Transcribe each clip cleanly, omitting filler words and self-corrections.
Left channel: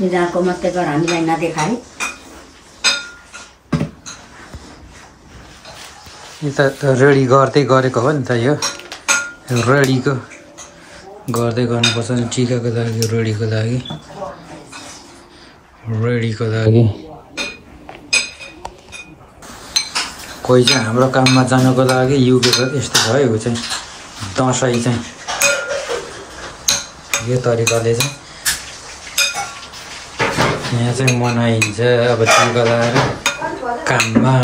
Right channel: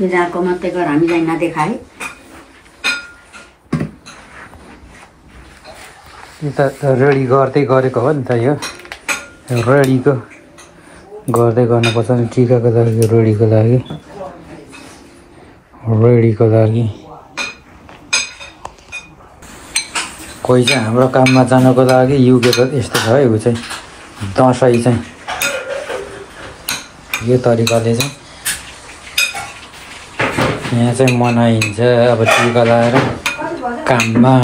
यिनीहरूको मात्रै गर हामीलाई नदेखाए यो त रेडी गर्दै गरेको हो नि त यो रेडीको गर्दै गर्नुपर्छ नि टिकाको लागि रेडीको लागि कोही चाहिँ हाम्रो काममा जानको लागि युकेको यस्तो छ है ऊ चाहिँ दसैँ चाहिँ यो तरिकाले चाहिँ यहाँ चाहिँ मनाइन्छ अब टिका लगाएर काममा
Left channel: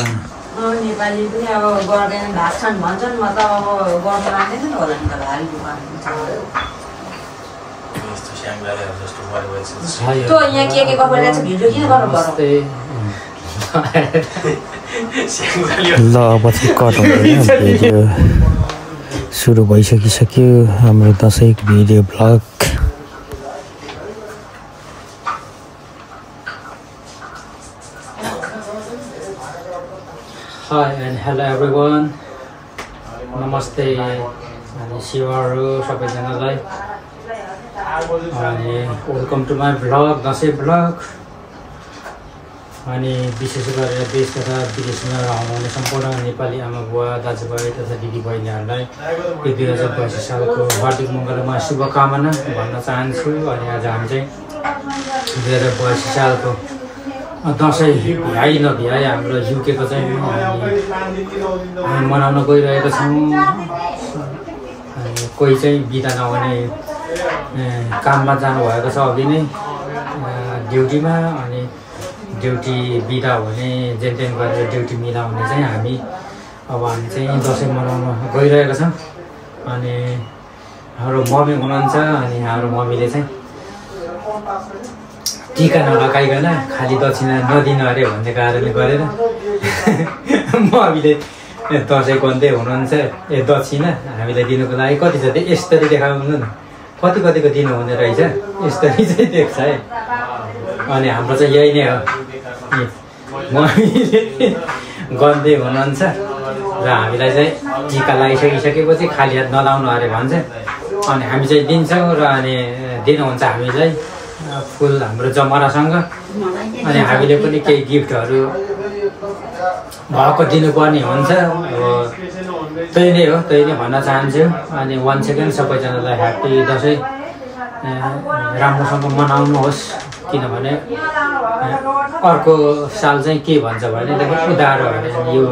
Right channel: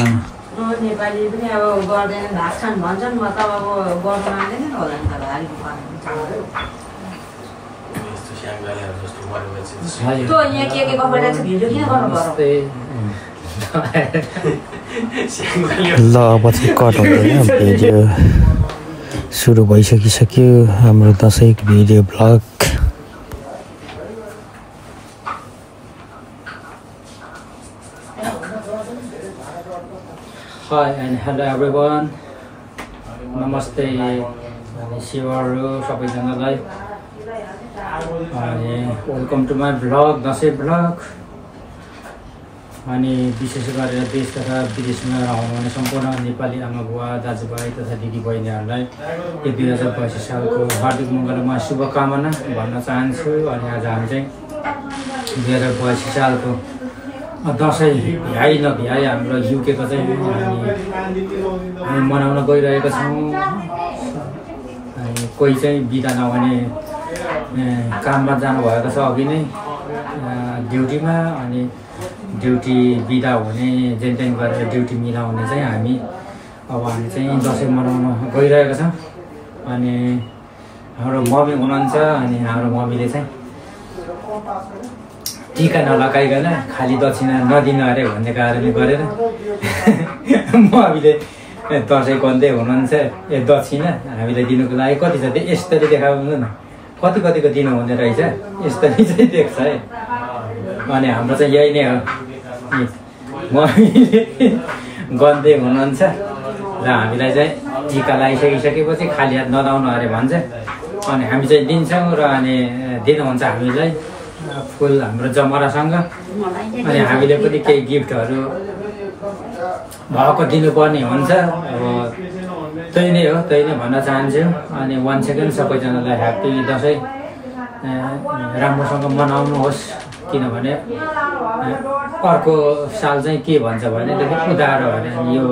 नेपाली पनि अब गर्दैन ढाक्छन् भन्छन् म त अब गर्नु मान्दैन होला नि त भारी त्यो यहाँ के कपडा छ भिडियो किन गर्नु पर्यो ल अब चाहिँ कट हुँदैन भिडियो सुरु भइसकिसक्यो हाम्रो दसैँको video blog Hi and hello everyone. Namaste. शिवहरू सबैजनालाई अनि welcome to my blog Dashain blog अनि विशेष गरेर देश तथा विदेशमा हुनुहुने सम्पूर्ण नेपाली आमा बुवा दाजुभाइ तथा दिदीबहिनीहरूलाई 2022 सालको हार्दिक मङ्गलमय शुभकामना भन्न चाहन्छु अनि आज हामी चाहिँ 2022 सालको दसैँ भ्याइ नभ्याइ हाम्रो युकेको चाहिँ हामी मनाउन गइरहेका छौँ अनि कोही चाहिँ बिदा नहुने काममा जानुभएको छ अघि नै ड्युटीमा अनि ड्युटी बिदा हुने जेन तेन गरेर ड्युटी मिलाउने चाहिँ हामी चाहिँ दसैँ मनाउन गइरहेका छौँ अनि हाम्रो मम्मी हुनुहुन्छ अनि हाम्रो मम्मीले चाहिँ टिका नलगाइकन खाली दक्षिणा नदिनु अरे भन्ने कारणले गरेर मम्मीले दसैँ गर्दै हुनुहुन्छ दक्षिणा हामीलाई दिनुको लागि कति छ त्यो यसरी देखाउनु न कतिको दिनु हुने रहेछ यसरी चाहिँ देख्छ है अनि हाम्रो चाहिँ यही नै हो मम्मीले गर्दै हुनुहुन्छ र हामीलाई चाहिँ टिका लगाइसकिसकेपछि खाली हात नलाउनु अरे भन्छ अनि हामी चाहिँ दिन्छौँ र अनि दिनुहुन्छ हामीलाई फुल हाम्रो जमरासँग अनि हामीले पनि केही गिफ्टहरू भएको दिनुपर्ने हुन्छ अब त्यही नै हो त्यही नै भन्न चाहन्छु अनि वान सेकेन्ड सबैजनालाई ह्याप्पी दसैँ राम्रोसँग मनाउनुहोस् किनभने अर्को साल चाहिँ के भन्छ भने उधारो भने यो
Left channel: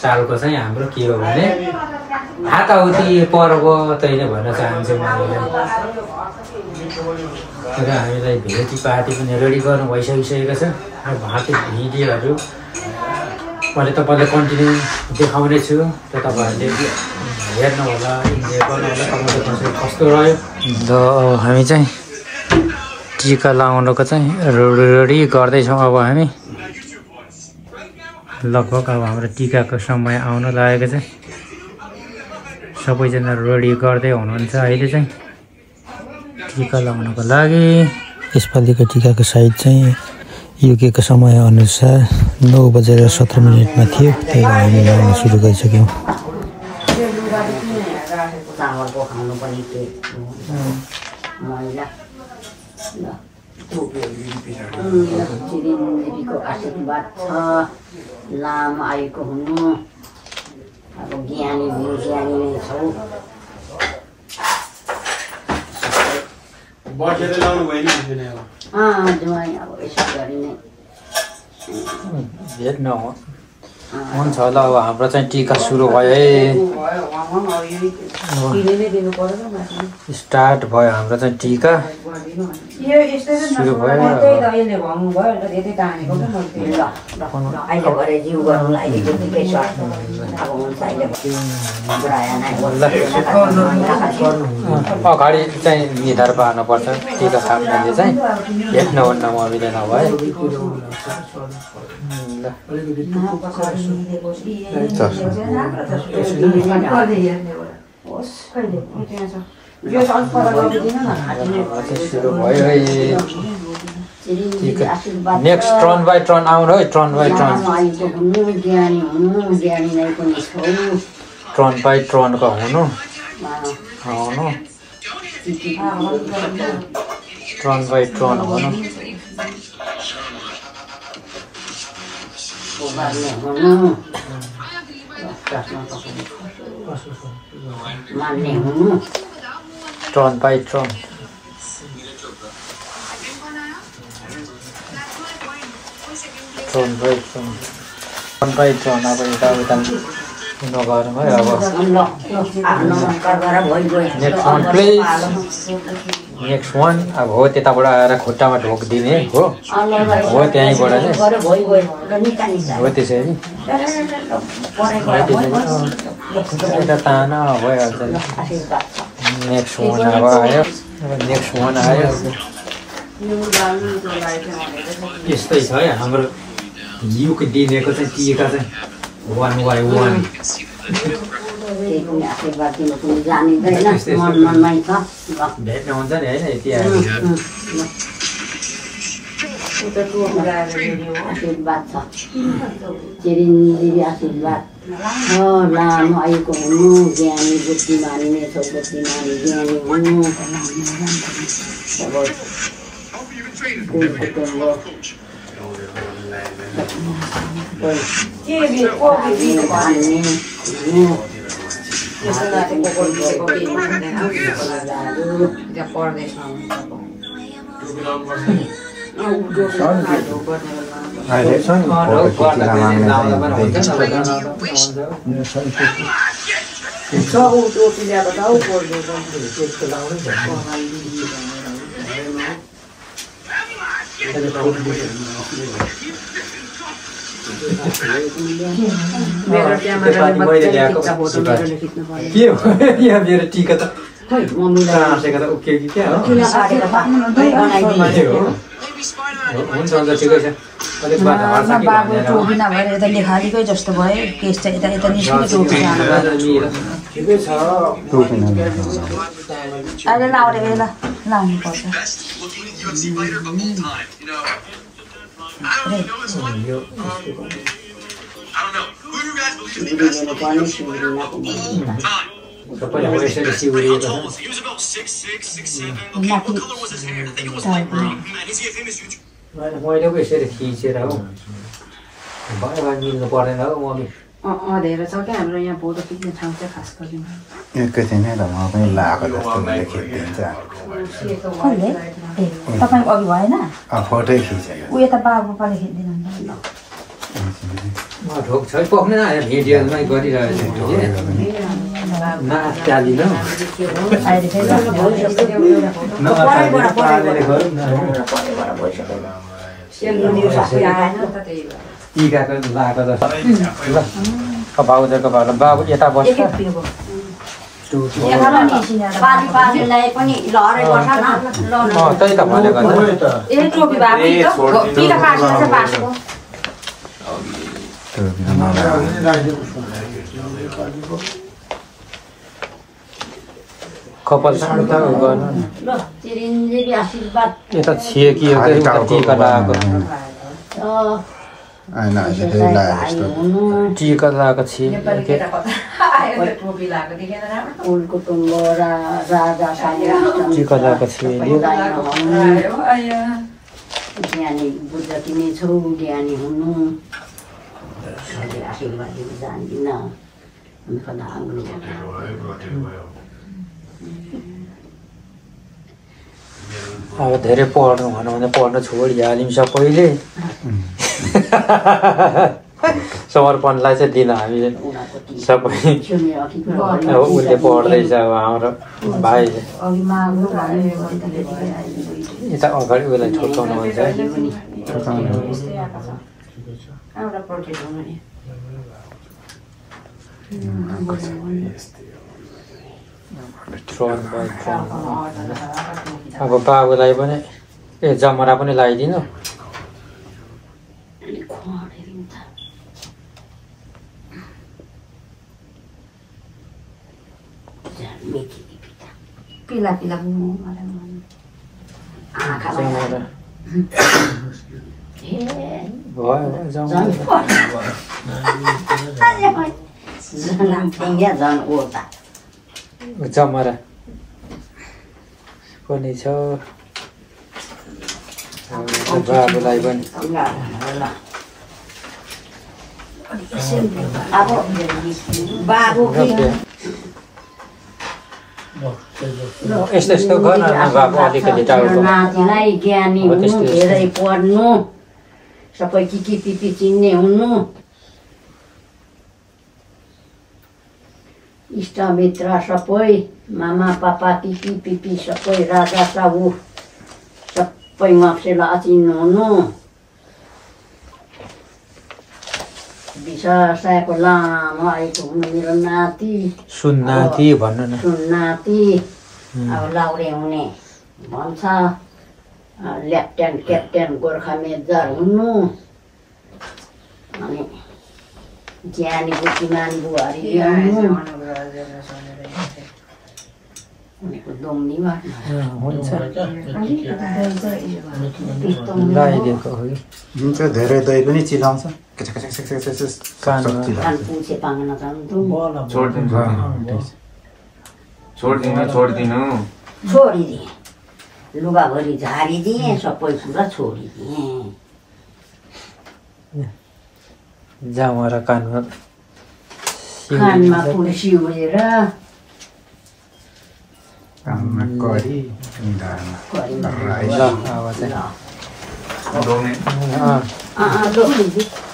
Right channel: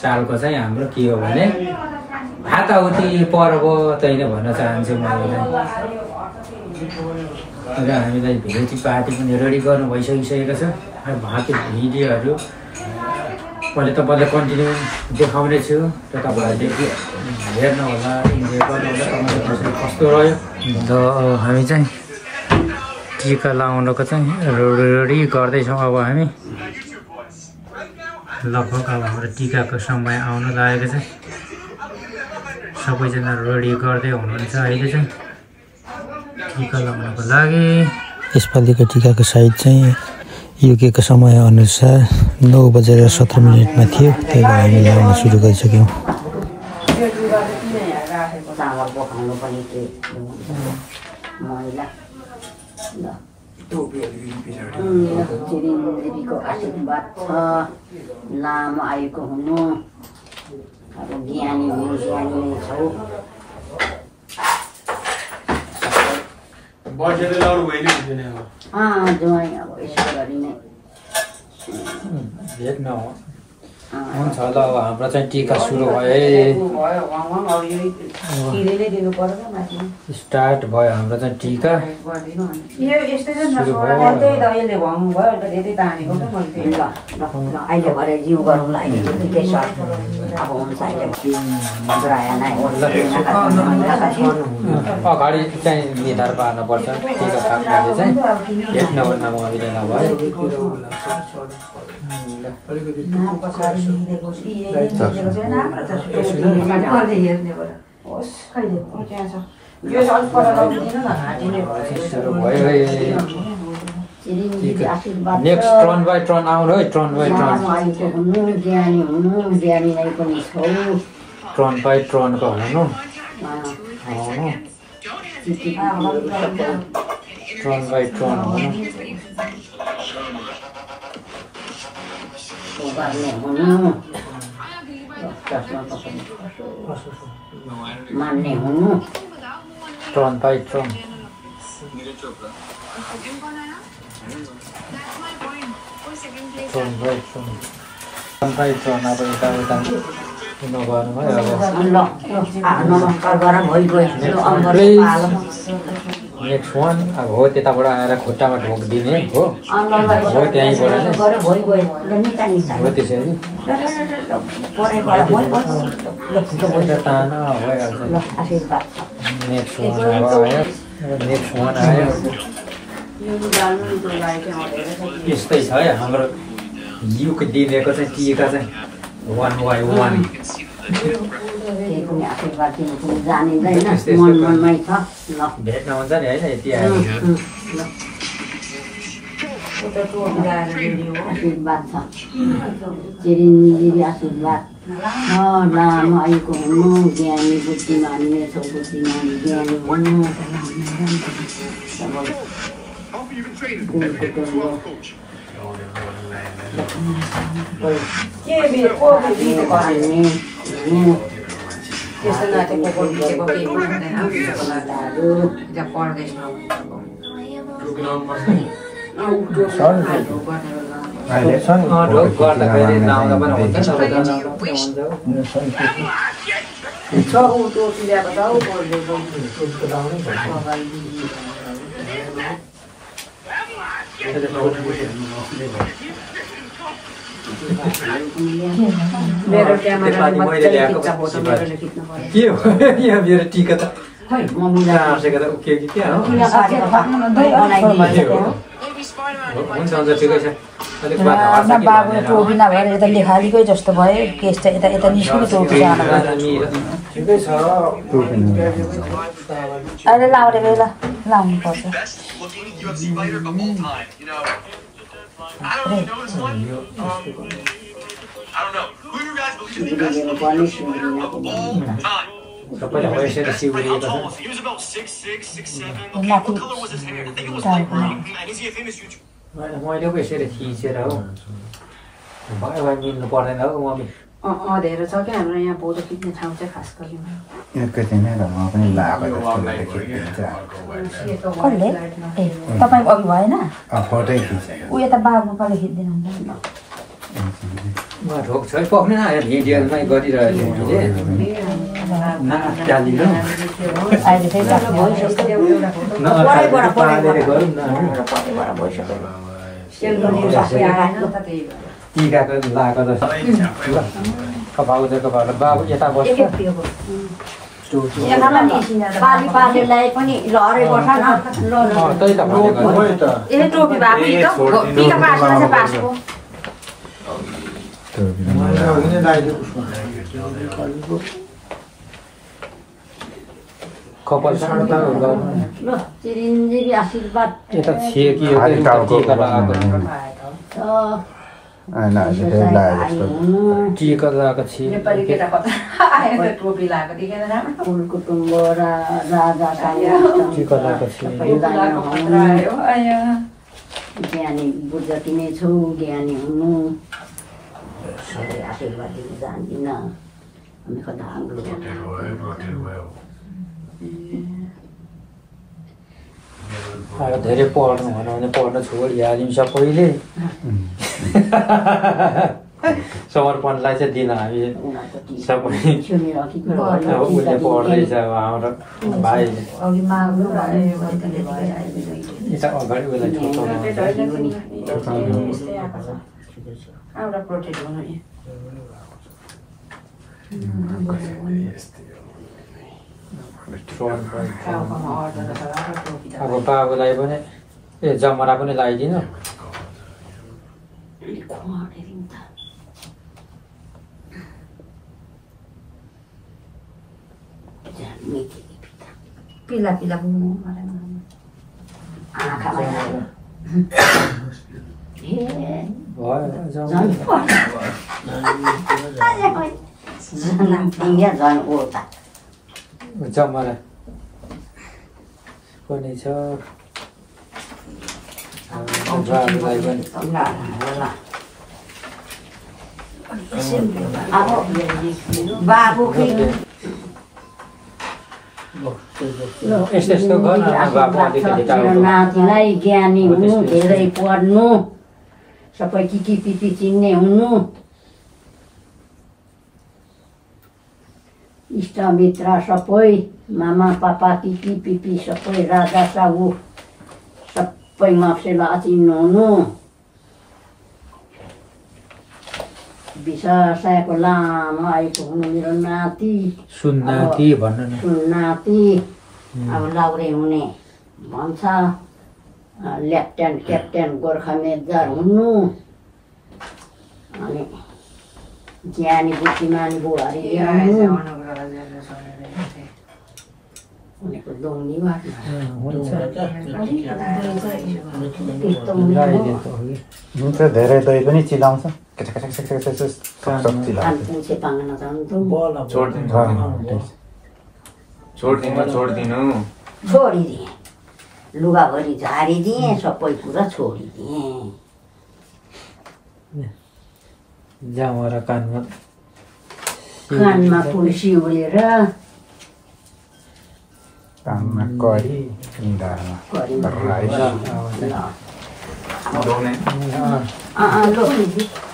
सालको चाहिँ हाम्रो के हो भने हाताहुती पर्व त्यही नै भन्न चाहन्छु मैले र हामीलाई भेटी पार्टी पनि रेडी गर्नु भइसकिसकेको छ र बाँकी भिडियोहरू मैले तपाईँलाई कन्टिन्यू देखाउने छु त्यो तपाईँहरूले हेर्नु होला इन्जोय गर्नु होला तपाईँको दसैँ कस्तो रह्यो र हामी चाहिँ टिका लगाउनको चाहिँ रेडी गर्दैछौँ अब हामी लगभग अब हाम्रो टिकाको समय आउन लागेको छ सबैजना रेडी गर्दै हुनुहुन्छ अहिले चाहिँ टिका लगाउनको लागि यसपालिको टिकाको साइज चाहिँ युकेको समय अनुसार 9:17 थियो त्यही भएर हामी लगाउन सुरु गरिसक्यौँ आशीर्वाद छ लामो आयुको हुनु अब ज्ञानी हुनु ज्ञानी नै छौ अब यसो गरी नै भेट्न हुन्छ ल अब हाम्रो चाहिँ टिका सुरु भयो है स्टार्ट भयो हाम्रो चाहिँ टिका सुरु भयो अगाडि चाहिँ निर्धार पार्नुपर्छ टिका खाने चाहिँ भेट्नुहुन्न मम्मीले नभए नेक्स्ट टर्न बाई टर्न आउनु है turn by turn turn by टर्नको हुनु आउनु Turn by turn हुनु मान्ने हुनु turn by turn turn by turn अब यता नगर्नु है अब नमस्कार गरेर भइगयो नेक्स्ट वान अब हो त्यताबाट आएर खुट्टामा ढोकिदिने हो त्यहीँबाट हो त्यसरी ताना भइहाल्छ नेक्स्ट वान अब आयो नेक्स्ट वान आयो यस्तै छ है हाम्रो युको दिनेको चाहिँ टिका चाहिँ 1 by 1 भेट्न हुन्छ नि होइन यति आयो आशीर्वाद छ चिरञ्जीवी आशीर्वाद लामो आयुको हुनु ज्ञानी बुद्धिमानी नेछौ बुद्धिमानी ज्ञानी हुनु मेरो टिका त आफैको त उक्यो कि क्या हुन्छ हुन्छ ठिकै छ लेखालीकै जस्तो भयो केस चाहिँ यता यता अहिले लाउने बेला लाउनुपर्छ सबैलाई यसरी सिउरिएको मैले पो यसरी थिचेर हो भयो भयो मिल्नु पर्दैन हौ मम्मी धेरै छ क्या हाम्रो यहाँ फोटो खिच्ने ठाउँ चाहिँ खास गरी एकैछिन नै पनि लगाएको जस्तो देखिन्छ कसले ए तपाईँको अघि भएन फोटै खिचेको ऊ यता बाबुपाले खिच्दिनु म ढोक छ पक्ने न भिडियोमै गरिरहेको छु नचालिनु पालेर गरौँ न टिकाको लगाएको जस्तो बाबुदेखको भएर बाबु यता बस्छ पालीलाई पनि लहरै बस्छ न त्यही त भनेको कपाल चिरञ्जीवी आशीर्वाद यता छिएकी टिका लगाएको छिए कुटुम्ब राजा टिका लगाएको छिए ज्ञानी बुद्ध तिमी छौ ज्ञानी हुनु आशीर्वाद दिनु जान्दिन हामी कता आग्लो अब धेरै पढ्नु भनौँ भने पढ्न छोडिहाल्यौँ सबैले समर्पणलाई चाहिँ दिन हामीले सबै उसले पढ्दैछ अब हाम्रो भाइले यता अगाडि उसलाई ठोकाउनु हुन्छ अब बाबुलाई पनि ए जमरा पनि लगाइदिनु पिला पिला जमरा पनि छ बाबुलाई पनि अब बाबु यस्तो गर्न बाबु अलिकति टाढो नातिलाई ज्ञानी हुनु धेरै पढ्नु सबै के पिपी चिन्ने हुनु इष्टमित्र सबै मामा पापा के पिपी सबै राजा साहु सबै मान्छेलाई अचिन्नु हुनु विशासाको लामो आएको हुनु मेरो नाति सुन्नाति भन्नु न सुन्नाति अब लाउरे हुने भन्छ लेफ्टेन्ट क्याप्टेन गोर्खा मेजर हुनु अनि ज्ञानी बुद्धिमान बुहारी ल्याउनु उनीको दोङ्नी हुन्छ धेरै दही पनि चिलाउँछ पुछे पाङ्न जान्छु छोडिदिएँ लुगाभरि झारिदिएँ सबै कुरा छोडिदिएँ जामा र कानमा फुल सिउरेर कानमा करी निधारमा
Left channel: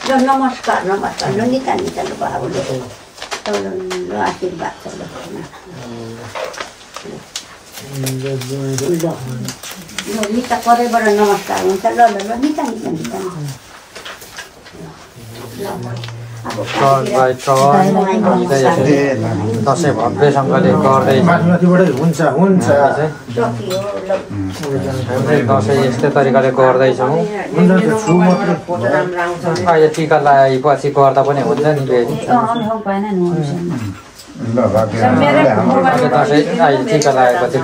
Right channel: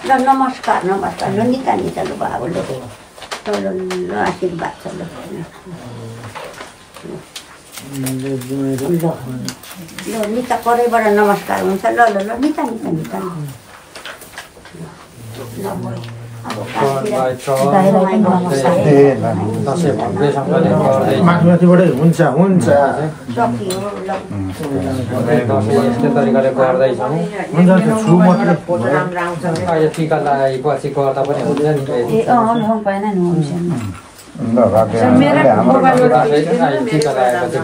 ल नमस्कार नमस्कार ल निका निका लु बाबुले आशीर्वाद छ ल निता परैबाट नमस्कार हुन्छ ल ल ल निका निका निका माथिबाटै हुन्छ हुन्छ यस्तै तरिकाले गर्दैछौँ अहिले टिका लगाएपछि गर्दा पनि हुन्छ नि टिका लगाएपछि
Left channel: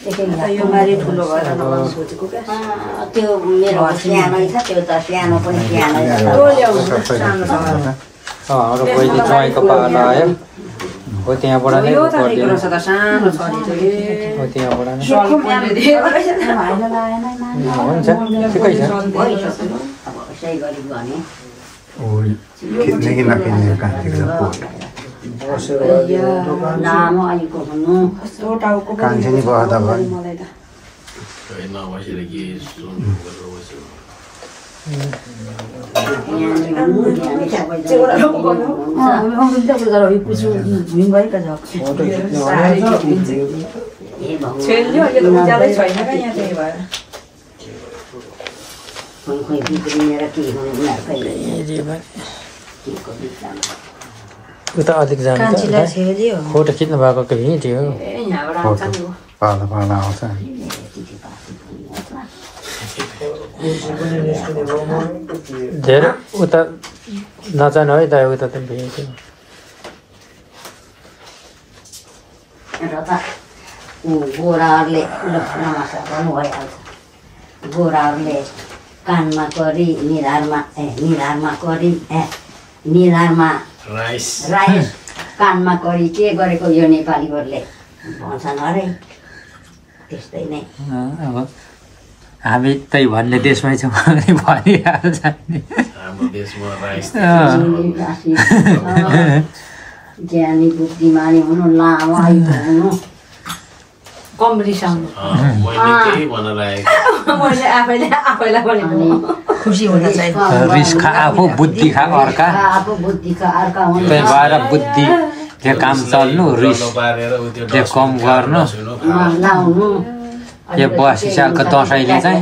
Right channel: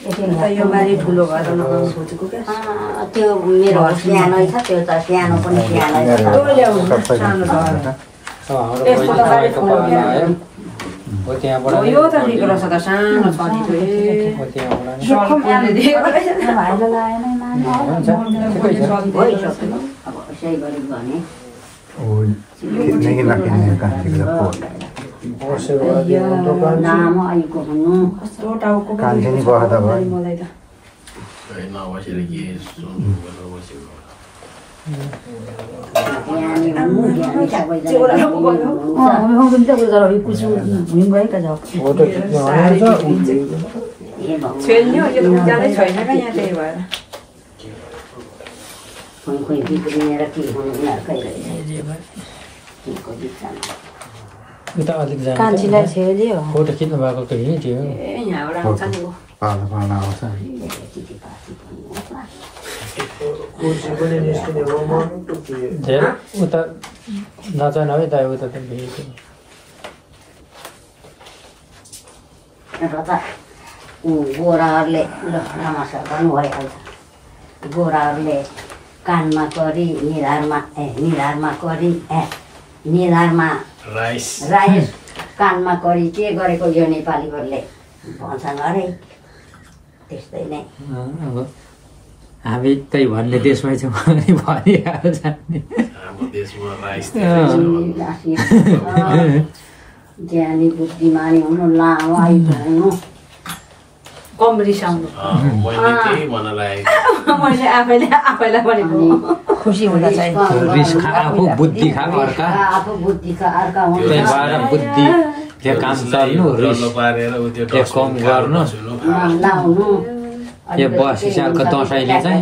फेरि यो मारी ठुलो भएर सोचेको क्या त्यो मेरो सानै छ त्यो त सानो पनि सानै तपाईँको पाला आयो हो त्यहाँबाट यो त ठिक रहेछ त सानो छ नि लामो आएको हुनु कान्छी बहदा भयो उता अलिक जान्छ फोटो खिच्नु भएको हिँड्यो पाला पाला आउँछ धेरै उता नजानु है दाइ उता त भेट्यो र त गोराहरूले नमस्कार गर्नु भइहाल्छ गोराहरूले कानमा करी निधारमा करी निधारमा राइस कानमा करी के गरेको यो नेपालीहरूले भन्छन् अरे त्यस्तै नै अब हामी त्यही भन्ने देशमै छौँ भनिहाल्छ ज्ञानी बुद्धिमानी हुनु लामो आयु हुनु कम रिसाउनु मैले आफैलाई भनेको खुसी हुन चाहिँ रिस खा आफू बुद्धि खा अर्का त्यही भएर बुद्धिले काम चल्नु रिस कम गर्नु यो 82 सालको दसैँले चाहिँ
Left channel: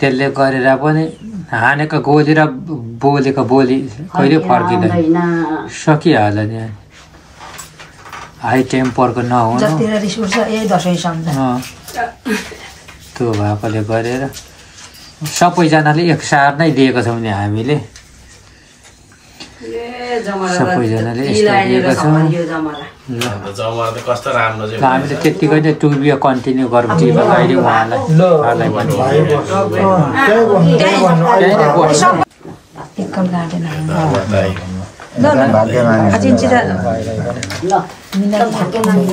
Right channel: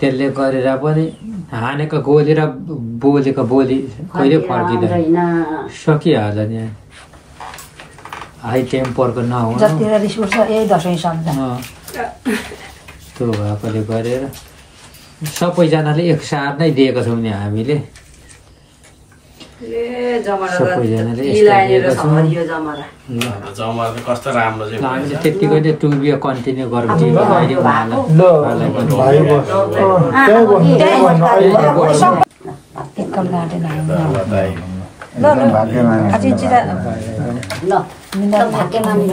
त्यसले गरेर पनि हानेको गोली र बोलेको बोली कहिले फर्किँदैन सकिहाल्छ नि हाई टेम्परको नहुनु त्यो भएकोले गरेर सबैजनाले एकसाथ नै दिएको छौँ नि हामीले सबैजनाले दिएको छौँ हामीले त्यतिकै नै टुबियो कन्टिन्यू गरौँ अहिले उहाँलाई भाग्यमानी ल भाग्यमानी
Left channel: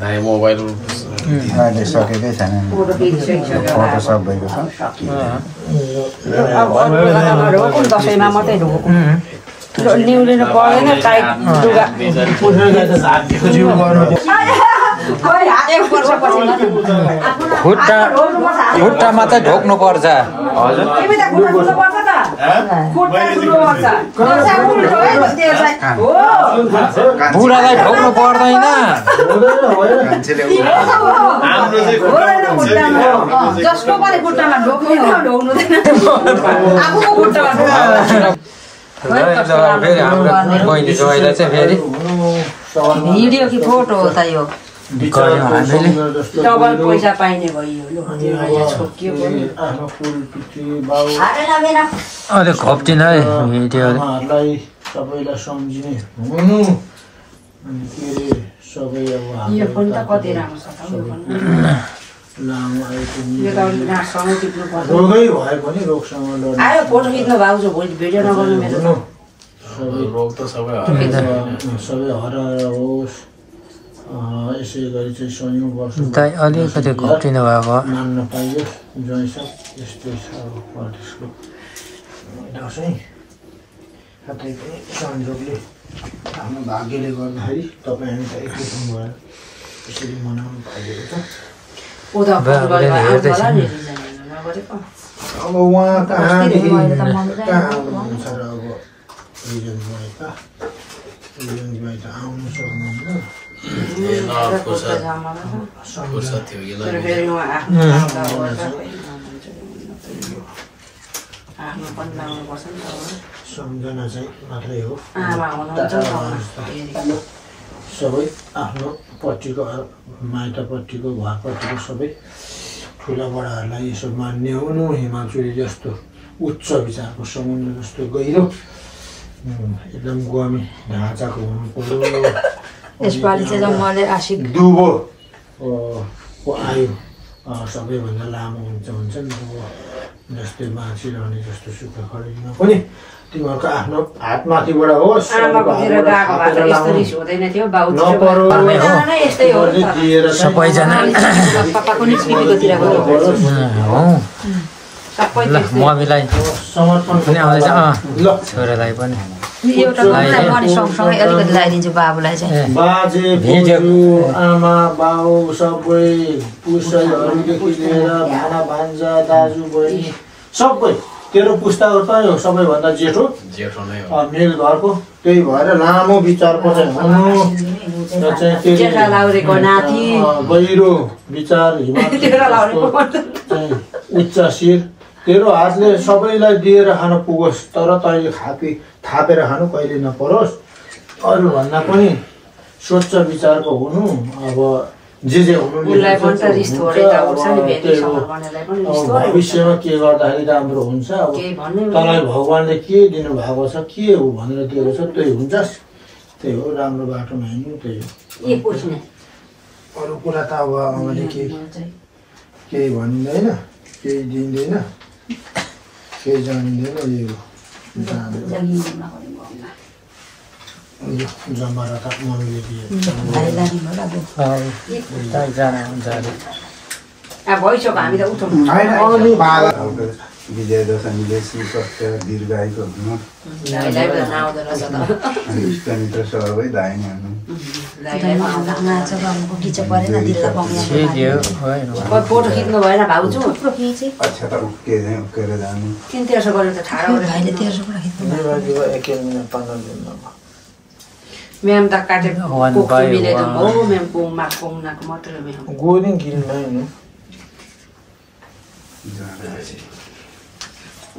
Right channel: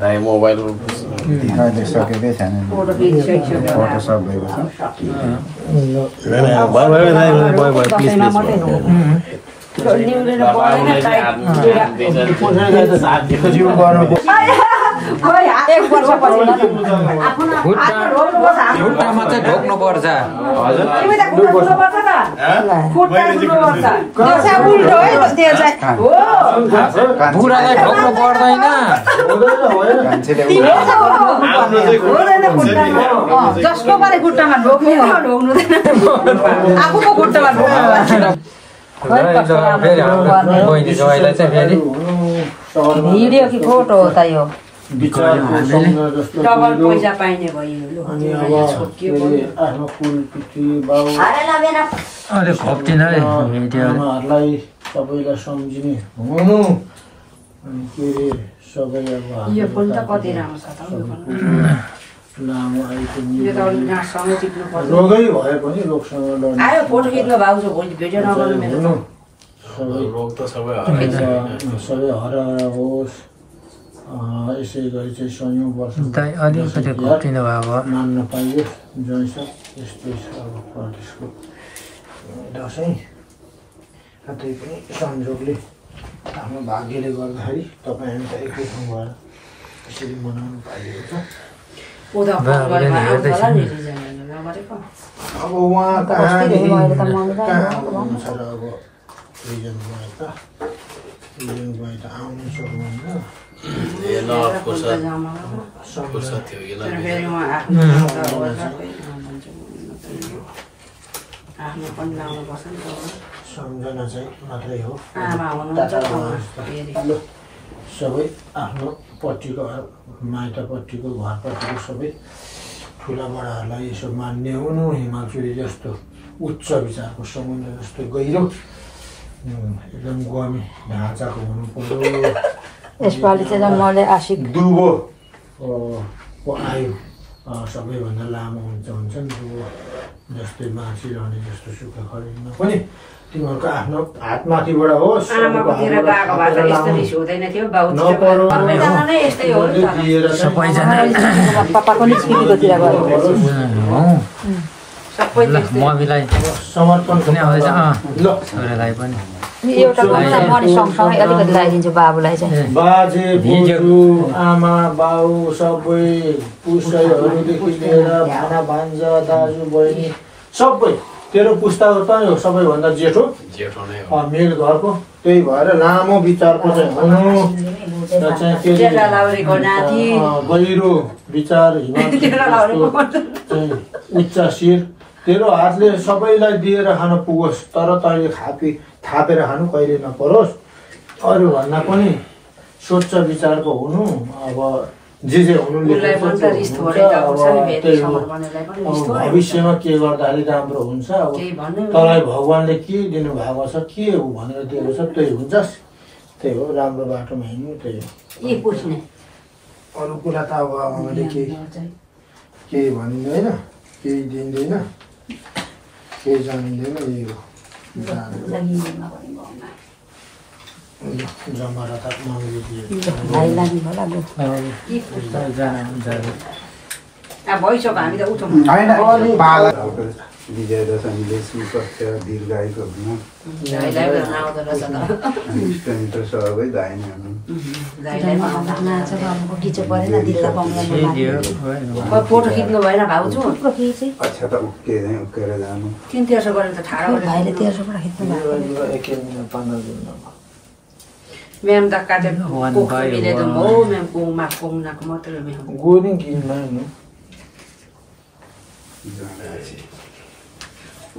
दाइ मोबाइल अहिले सकेकै छैन फोटो खिचिसक्यो फोटो सब भएको छ दसैँमा मात्रै खुट्टामा चाहिँ ढोक्नु पर्छ बुढालाई ढोक्नु पर्दैन जसको पनि खुट्टामा ढोक्नु आफूको खुट्टामा फेरि हाम्रो बहिनी जोइलाई चाहिँ फेरि भिडियो कि फोटो हो त यो डबल पैसा पाइने भयो अलिक खोप्टिन है भिडियो सबैलाई सम्झिने हुनु अनि के अरे सबै अब यो पनि त कति राम्रो छ त लामो यो त अलिक नाकसँगै टिप्नु पर्छ रोगै भए पनि रोगसँग लड्नु आयो फोटो खिच्नु भाउजू भोलि भिडियो नगर्नु मेरो रोग त सबै सबै हराएर होस् यसै गरी चाहिँ सयौँ वर्ष दाइ अलिकति खोप्टिनु भएको मान्न पाइयो जैसा यस्तै छ अब परदेशको दसैँ कतै पनि संयोगले आफ्नो भाग्यले गर्दाखेरि तपाईँ हामी त एकजुट भएर यसरी मनाउनु पाइएको छ अब उहाँ कहाँदेखि कहाँ आउनुहुन्छ र अब रिजनबाट आउनु सक्नुहुन्न सम्झना चाहिँ मात्रै हो सबै आफ्नो पट्टिको माइतपट्टिको घरपट्टिको सबै ठुला बडाहरूलाई यसो मान्ने हुनु हिमालचुली जस्तो उच्च विचारको समुद्र जस्तो गहिरो एकदम गमी ढाँचाको हुनु पर्यो यसपालि चाहिँ मलाई आशिक दुबो को आयु सबैभन्दा लामो हुन्छ नि दुबो जस्तै बाँचिरहने जस्तो सुख खरिदमा पनि तिमीहरूको आफ्नो हातमाथिबाट होस् सबैजना मम्मीलाई समर्पण छोरालाई पनि सँगसँगै अलिकति लगाइदिन्छु बाबुलाई चाहिँ बाजे बोजू आमा बाउ सबै पुस्तैहरूदेखि लिएर भाना भान्जा दाजु बहिनी सबै तेरो पुस्ताको त यो सबैभन्दा जेठो मेरो घरको त्यही भएर लामो विचारको चाहिँ हुनु गहिरो विचार चाहिँ उच्च शिर तेरो हातले सबैलाई दिएर खान पुगोस् तर तैँले थापेर खानु कहिले नपरोस् अरूभन्दा पनि स्वच्छ विचारको हुनु अब जे हुनु भविष्यमा के गर्दाखेरि राम्रो हुन्छ तँलाई भगवान्ले के दिनुभएको छ के हो भनेर दिएको छ त्यही हुन्छस् त्यही हो राम्रो बाटोमा हिँड्नु त्यही हो अरू कुरा त अब आमाले केही भनिँदैन केही दिँदैन केही जानिँदैन यही हो जमारा त मम्मीले दिए विजय दशमीले सुस्वास्थ्य दीर्घायुको हुनु इष्टमित्र सबै धाइने हुनु फोटो खिच्नु भएन भाउजू अच्छा त उक्केर जानु म्याम त काटेको मिलाइदिनु हो म्याम पोङनाको मात्रै गोरिङ किन्दा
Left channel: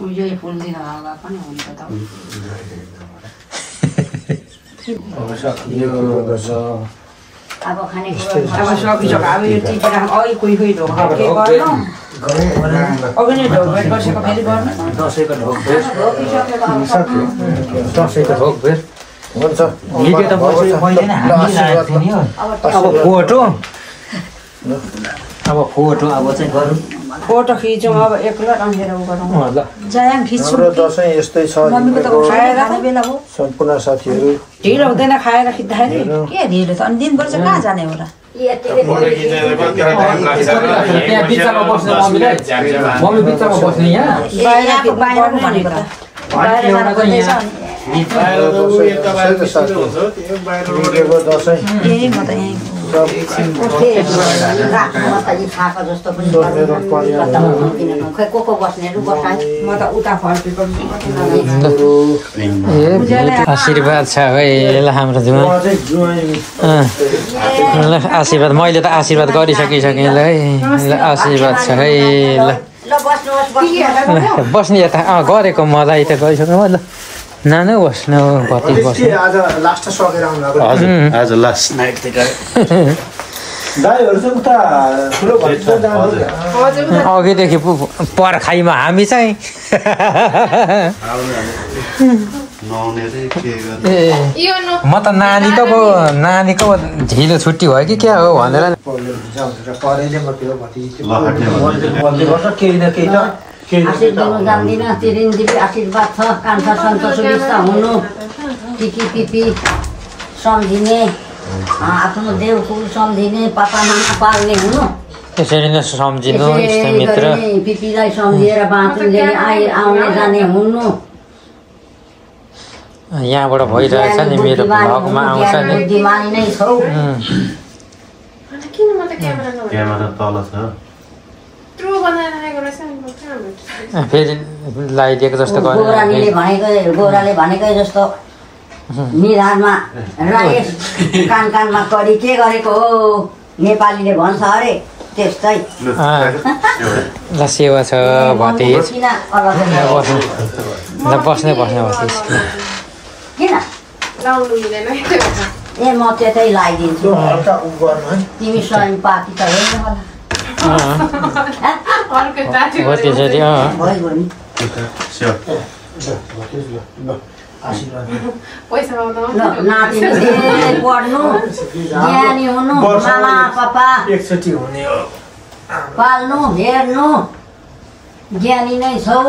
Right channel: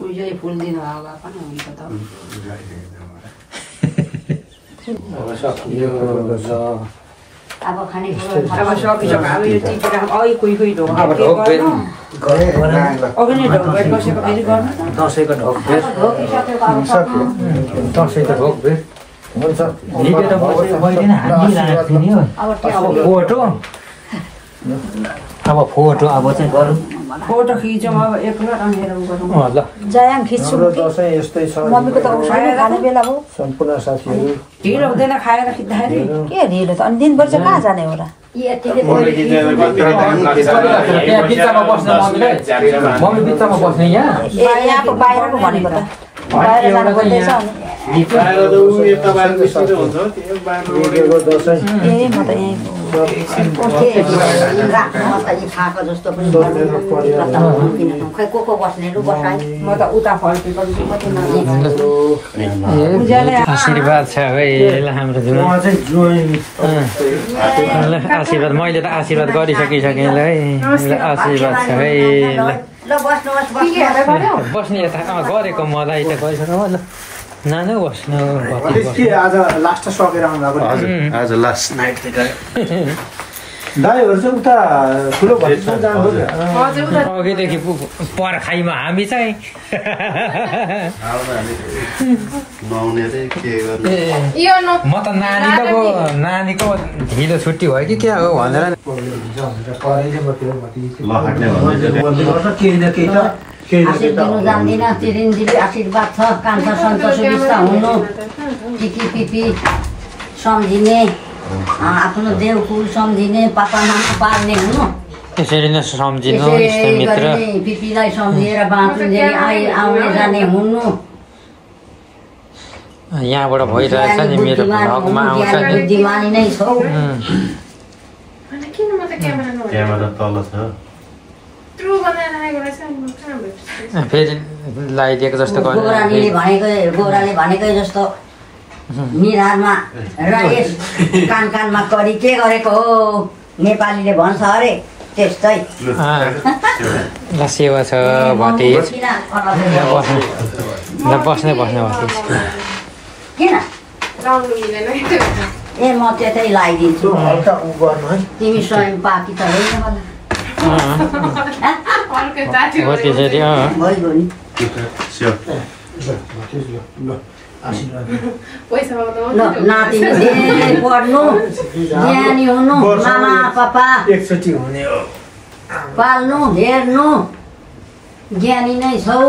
यही फुल दिनु होला पनि हुन्छ त अब खानेकुरा अब सकिसक्यो अब यो टिपेर अघि कोही ढोका के गर्नु अघि नै ढोक भेट बसेको फेरि गर्नु दसैँको ढोक भेट दसैँको ढोक भेट हुन्छ भिडियो त मैले नै हालिरहेको थिएँ नि हो फोटो अब फोटो अब चाहिँ गरौँ फोटो खिचौँ अब एकपल्ट अनि गरौँ ल जायाङ खिच्छु हाम्रो दसैँ यस्तै छ मम्मीको त उठाएर खाने बेला हो सम्पूर्ण साथीहरू ढिलो हुँदैन खाएर खिच्दाखेरि के ढिलो त अनि दिनभर चाहिँ कहाँ जाने होला त्यहाँ बिचमा बस्न मम्मी बिचमा बस्ने यहाँ यहाँको बाहिर पो भनेको त एउटा चाहिँ यहाँ दसैँ ए म त यहीँ राख्नुमा त यी खाएको जस्तो पनि खै को बस्नेहरू बसाइ म त उता फर्केको आशीर्वाद छ है ल हाम्रो जुवा ल आशीर्वाद मैले त आशीर्वाद गरिसकिसकेँ ल है ल आशीर्वाद छ है ल बस्ने यता गरेको मलाई त गइसक्नु ल नानु बस्नु भति बस्नु आज लास्ट सकेर आज लास्ट नाइट गाईहरू चाहिँ उता ठुलो भइसक्यो जानु अघिदेखि पर्खाइमा हामी चाहिँ म त नानीको ढिलो छुट्टी भयो कि क्या हो भनेर केही न केही त आशीर्वाद दिनु जान्दिनँ चिरिन्जीबी आशीर्वाद छ कान्छा सन्त सुविस्ता हुनु टिकी पिपी सम्झिने आफ्नो देवकुल सम्झिने पापा मामा पाल्ने हुनु त्यसरी नै सम्झिनु इष्टमित्र पिपीलाई सम्झिएर बाँचुन्जेली आउने जाने हुनु यहाँबाट भइरहेछ नि मेरो भगमा आउँछ नि बुद्धिमानी नै छौ क्यामेरा तल छ फेरि लगाइदिएको जस्तो गोराले भनेकै जस्तो निधारमा रायस कान कानमा कडी के गरेको हो नेपालीले भन्छ अरे त्यस्तै ल सेवा छ भतिज ल बस्ने भतिज किन ए म त्यतै लगाइदिन्छु तिमी स्वयं पाकी त होइन हो त्यसरी भइगयो नि नातिनी धेरै पढ्नु ज्ञानी हुनु मामा पापा एकचोटि हुने पाल्नु हेर्नु ज्ञानी नै छौ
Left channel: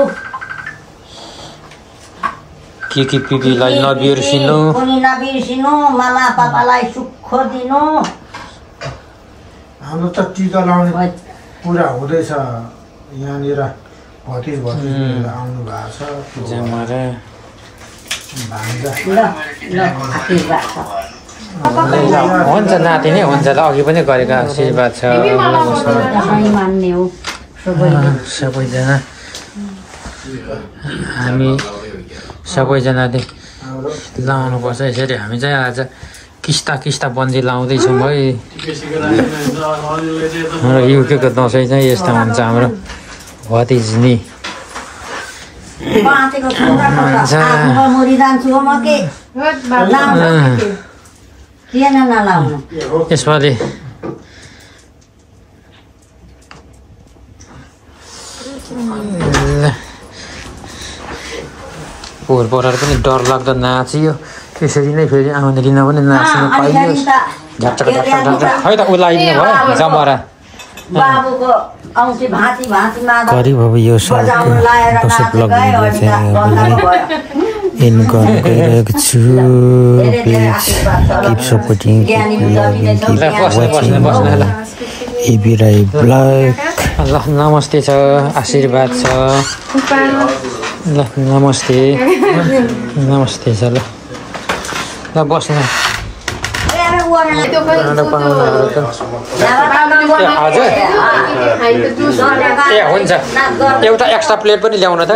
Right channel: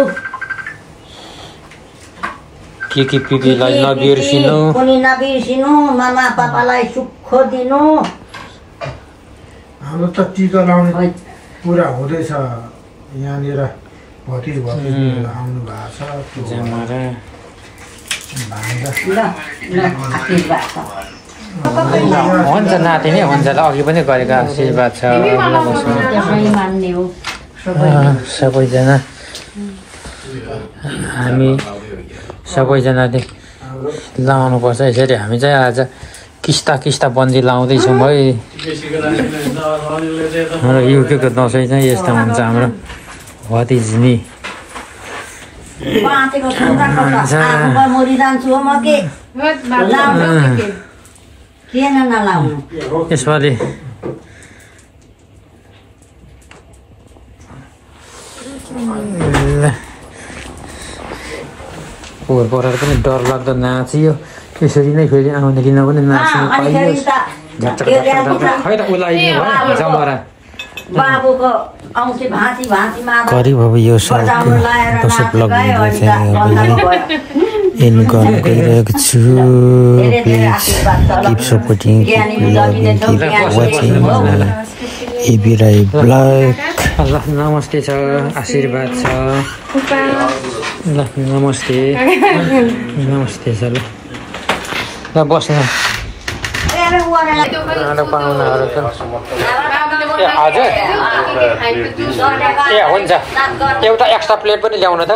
के पिपीलाई नबिर्सिनु कुनै नबिर्सिनु मामा पापालाई सुख दिनु हाम्रो त टिका लाउने पुरा हुँदैछ यहाँनिर भतिज आउनु भएको छ हुन्छ नाति नै हुन्छ ल अघि पनि गरेको आशीर्वाद छ मान्ने हो सबैजना हामी सबैजनाले लाउनुपर्छ यसरी हामी चाहिँ आज किस्ता बन्दी लाउँदैछौँ है हाम्रो युकेको दसैँ चाहिँ यस्तो हुन्छ हाम्रो भतिजनी यसपालि पोहोर परार पनि डर लाग्दो नाचियो त्यसरी नै फेरि आउने दिन पनि नाच्नु पाइयो झट्टक खै त उलाइदिनु भयो जमरा करिब अब यो सालको दसैँ ब्लग भिडियो चाहिँ हामीलाई एन्ड गर्न गइरहेको छु please keep supporting keep loving keep watching A B Rai blog ल नमस्ते छ आशीर्वाद छ ल नमस्ते छ ल बस्न पाहुनाहरू त हजुर ए हुन्छ एउटा एक्स्ट्रा प्लेट पनि ल्याउनु त